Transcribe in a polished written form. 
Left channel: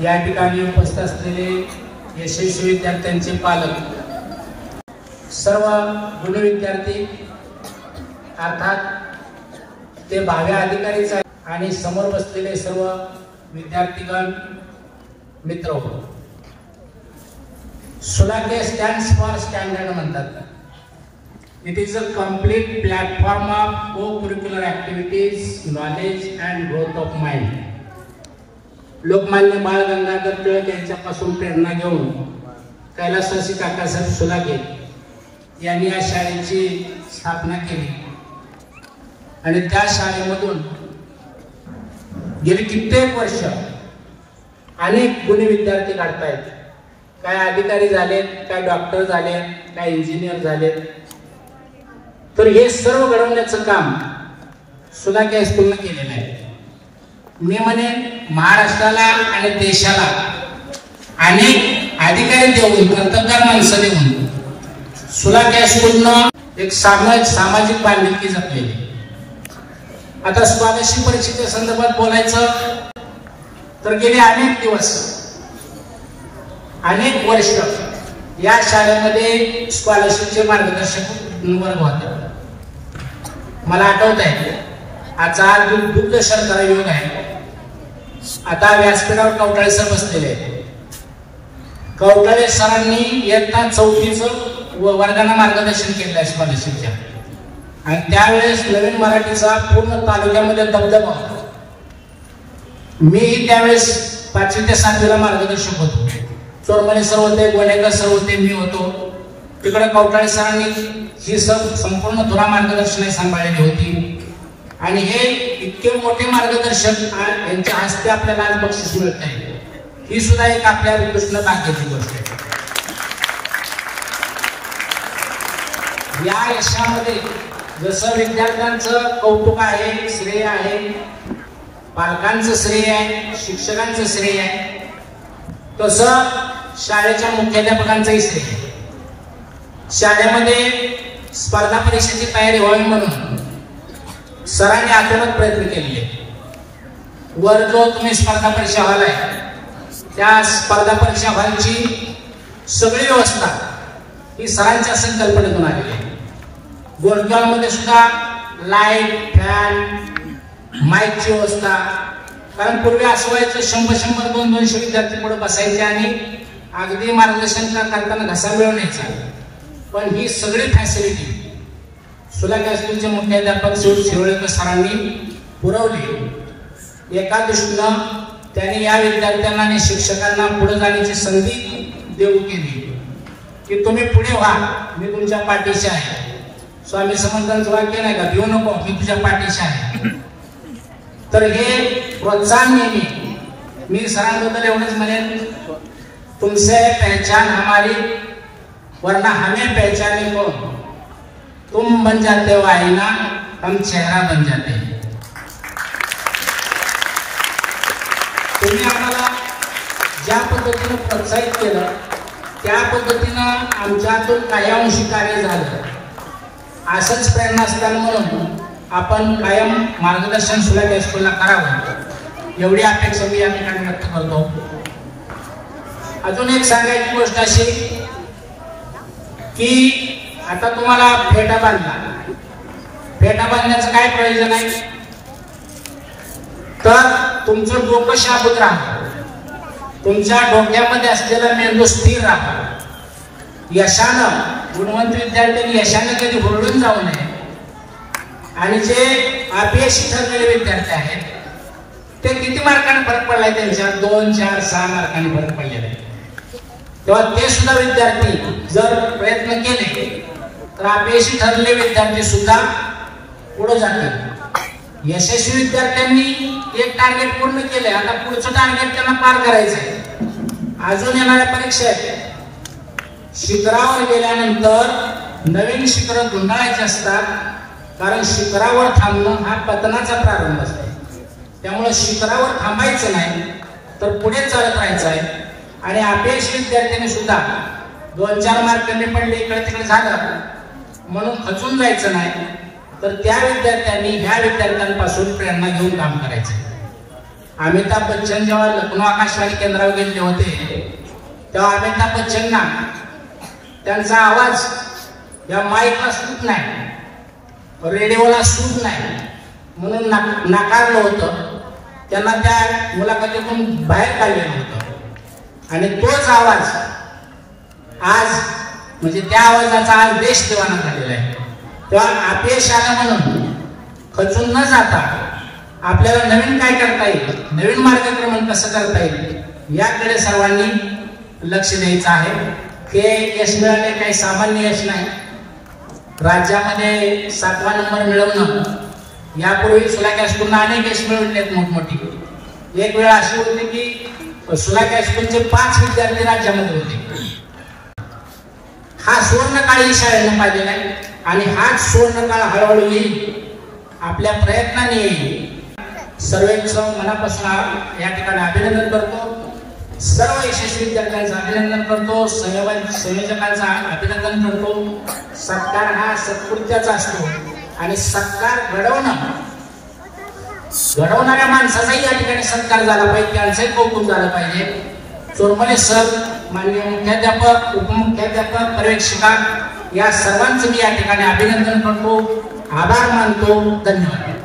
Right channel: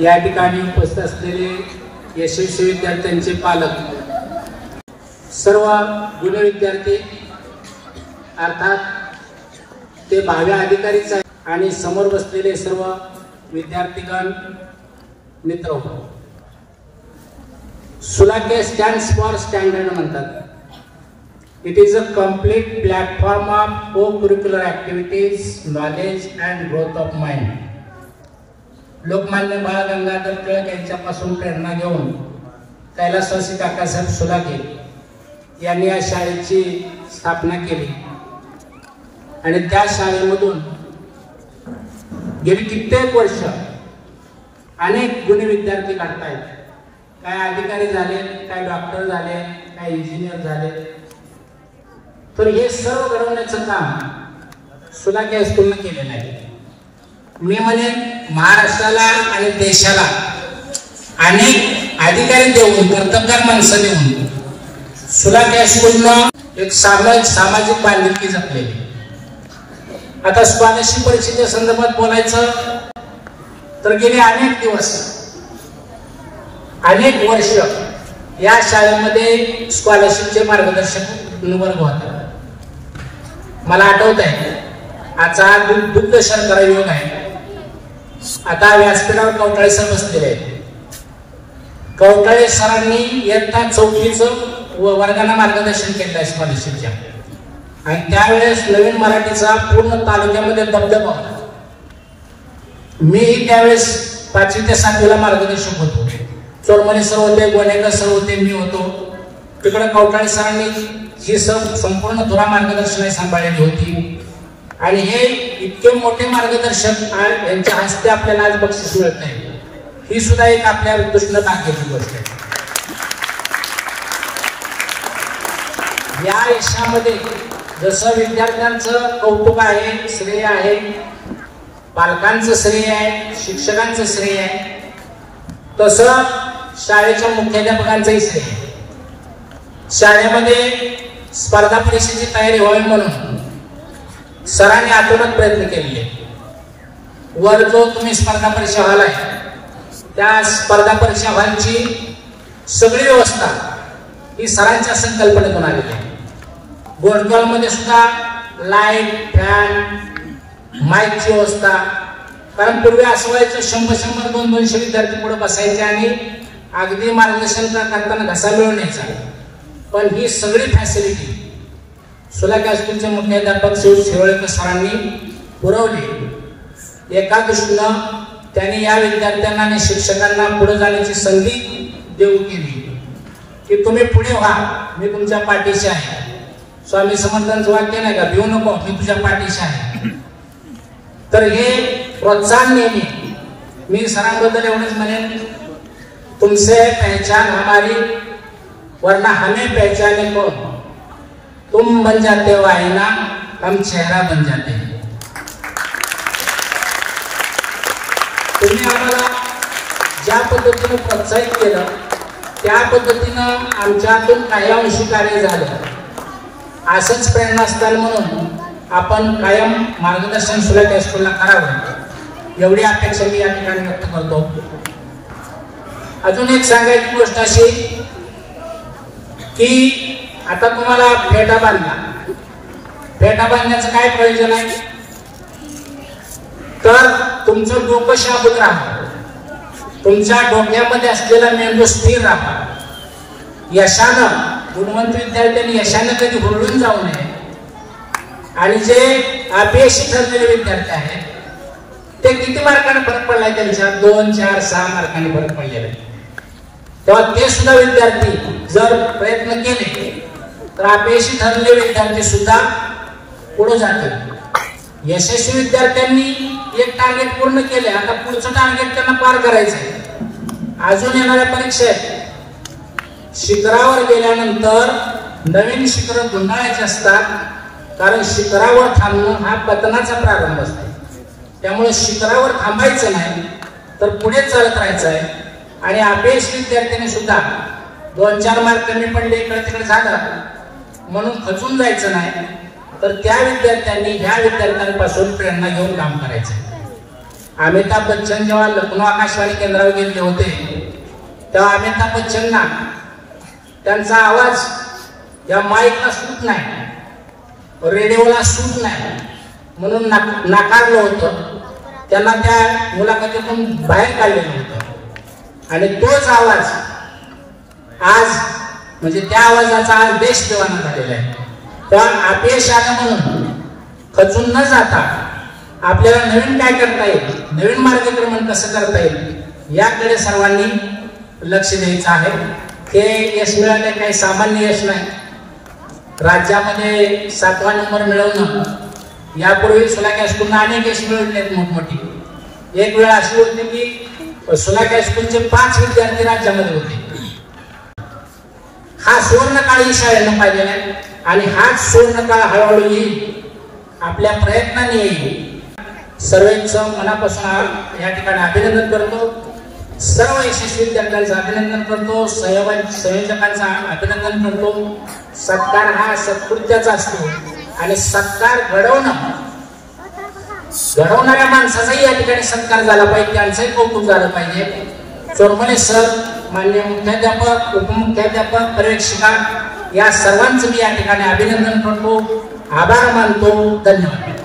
या ठिकाणी उपस्थित असलेले यशस्वी विद्यार्थ्यांचे पालक, सर्व गुणी विद्यार्थी अर्थात ते भावी अधिकारीच आहेत आणि समोर बसलेले सर्व विद्यार्थीगण मित्र, सुलाके स्टँड्स फॉर स्टँडर्ड म्हणतात. It is a complete platform of co-curricular activities, knowledge and growth of mind. Lokmanya Bal Gangadhar Tilak यांच्यापासून प्रेरणा घेऊन कैलासवासी काकासाहेब सुलाके यांनी या शाळेची स्थापना केली आणि त्या शाळेमधून गेली कित्येक वर्ष अनेक गुणी विद्यार्थी काढतायत. काय अधिकारी झाले, काय डॉक्टर झाले, काय इंजिनियर झाले. तर हे सर्व घडवण्याचं काम सुलाके हायस्कूलने केलेलं आहे. मी म्हणे महाराष्ट्राला आणि देशाला अनेक अधिकारी देऊन, कर्तबगार माणसं देऊन सुलाके हायस्कूलनं एक सामाजिक बांधिलकी जपलेली. आता स्कॉलरशिप परीक्षेच्या संदर्भात बोलायचं तर गेले अनेक वर्ष या शाळेमध्ये स्कॉलरशिपचे मार्गदर्शक वर्ग होते. मला आठवत आहे, आजचा दुग्ध शर्करा योग आहे. आता व्यासपीठावर कवटाळे सर बसलेले आहेत. कवटाळे सरांनी इयत्ता 4चं वर्गाला मार्गदर्शन केलं आहे स्कॉलरशिपच्या, आणि त्यावेळेस नवीन मराठीचा पूर्ण तालुक्यामध्ये दबदबा होता. मी त्यावेळेस 5वी ते 7वीला मार्गदर्शक होतो. चोरमणे सर होते, गोडेकर सर होते, मी होतो. तिकडे कवटाळे सरांनी ही संपूर्ण धुरा मार्गदर्शन सांभाळलेली होती. आणि हे इतके मोठे मार्गदर्शक यांच्या हस्ते आपल्याला आज बक्षीस मिळत आहे, ही सुद्धा एक आपल्या कृष्ण भाग्याची गोष्ट आहे. या यशामध्ये जसं विद्यार्थ्यांचं कौतुक आहे, श्रेय आहे, पालकांचं श्रेय आहे, शिक्षकांचं श्रेय आहे, तसं शाळेच्या मुख्याध्यापकांचंही श्रेय आहे. शाळेमध्ये स्पर्धा परीक्षेची तयारी व्हावी म्हणून सरांनी आतूनच प्रयत्न केले. वर जो तुम्ही स्पर्धा परीक्षा हॉल आहे, त्या स्पर्धा परीक्षा हॉलची सगळी व्यवस्था ही सरांच्या संकल्पनेतून आलेली आहे. बोर्डमध्ये सुद्धा लाईट, फॅन, माईकची व्यवस्था. कारण पूर्वी असं व्हायचं 100-100, 200 विद्यार्थी पुढे बसायचे आणि अगदी मार्गदर्शन करताना घसा मिळून यायचा. पण ही सगळी फॅसिलिटी सुलाके हायस्कूलचे मुख्याध्यापक श्री शिरोळकर सरांनी पुरवली. एका दृष्टीनं त्यांनी या विद्यार्थ्यांना आणि शिक्षकांना पुढे जाण्याची संधी देऊ केली की तुम्ही पुढे व्हा, मी तुमच्या पाठीशी आहे. स्वामी समर्थांचं वाक्य नाही का, भिवू नको, मी तुझ्या पाठीशी आहे. तर हे प्रोत्साहन नेहमी मी सरांबद्दल एवढंच म्हणेन, तुमसे पहचान हमारी वरना हमें पहचाने कौन, तुम बन जाते हो आईना, हम चेहरा बन जाते हैं. तुम्ही आम्हाला ज्या पद्धतीने प्रोत्साहित केलं त्या पद्धतीनं आमच्यातून काही अंशी कार्य झालं. असंच प्रेरणास्थान म्हणून आपण कायम मार्गदर्शन सुलाके हायस्कूलला करावं, एवढी अपेक्षा मी या ठिकाणी व्यक्त करतो. अजून एक सांगायची गोष्ट अशी की आता तुम्हाला फेटा बांधण्याचं काय प्रयोजन आहे, तर तुमचं डोकं शांत राहा, तुमच्या डोक्यामध्ये असलेला मेंदू स्थिर राहा. यशानं, गुणवंत विद्यार्थ्यांनी यशानं कधी हुरळून जाऊ नये. आणि जे अपयशी ठरलेले विद्यार्थी आहेत ते किती मार्कांनी फरक पडलाय, त्यांच्या 2, 4, 6 मार्कांनी फरक पडलेला आहे. तेव्हा ते सुद्धा विद्यार्थी जर प्रयत्न केले तर अपयशी ठरलेले विद्यार्थी सुद्धा पुढे जातात. यशस्वी विद्यार्थ्यांनी एक टार्गेट पूर्ण केले, आता पुढचं टार्गेट त्यांना पार करायचंय. अजून येणाऱ्या परीक्षा आहेत. शिखरावर गेल्यानंतर नवीन शिखर धुंडाळायचे असतात, कारण शिखरावर थांबून हा पतनाचा प्रारंभ असतो. त्यामुळे शिखरावर थांबायचं नाही तर पुढे चालत राहायचं आहे. आणि अपयशी विद्यार्थ्यांनी सुद्धा 2-4 मार्कांनी पडले, इकडे तिकडे झालं म्हणून खचून जायचं नाही, तर त्या विद्यार्थ्यांनी ह्या विद्यार्थ्यांपासून प्रेरणा घेऊन काम करायचं. अमिताभ बच्चन जेव्हा लखनौ आकाशवाणी केंद्रावर गेले होते तेव्हा अमिताभ बच्चनना त्यांचा आवाज या माईकला सूट नाही, रेडिओला सूट नाही म्हणून नाकारलं होतं. त्यांना त्या मुलाखतीतून बाहेर काढले होते आणि तोच आवाज आज म्हणजे त्या आवाजाचा आज देश देवाना झालेला आहे. पण अपयश आलं म्हणून खचून न जाता आपल्याला नवीन काय करता येईल, नवीन मार्गक्रमण कसं करता येईल याकडे सर्वांनी लक्ष द्यायचं आहे. हे यश मिळाले काही सामान्य यश नाही. राज्यामध्ये 7वा नंबर मिळवणं, यापूर्वी सुलाक हायस्कूलला अनेक यश मिळवलेत मोठमोठी. एक वेळ अशी होती की सुलाक हायस्कूलचे 5 विद्यार्थी राज्यामध्ये होते. हा सुवर्णकाळ ही शाळेनं पाहिजे आणि हाच सुवर्णकाळ हळूहळू येईल, आपल्या प्रयत्नाने येईल. सर्वांचं मनापासून या ठिकाणी अभिनंदन करतो. सर्व यशस्वी विद्यार्थ्यांचं अभिनंदन करतो, संयोजकांचं अभिनंदन करतो. सत्कार हा सत्कृत्याचा असतो आणि सत्कार घडवणाऱ्या माणसाचाही या ठिकाणी सत्कार झाला पाहिजे, त्यांचंही कौतुक झालं पाहिजे. चोरमले सर, माननीय मुख्याध्यापक, उपमुख्याध्यापक, पर्यवेक्षिका या सर्वांचं मी या ठिकाणी अभिनंदन करतो, आभार मानतो. धन्यवाद.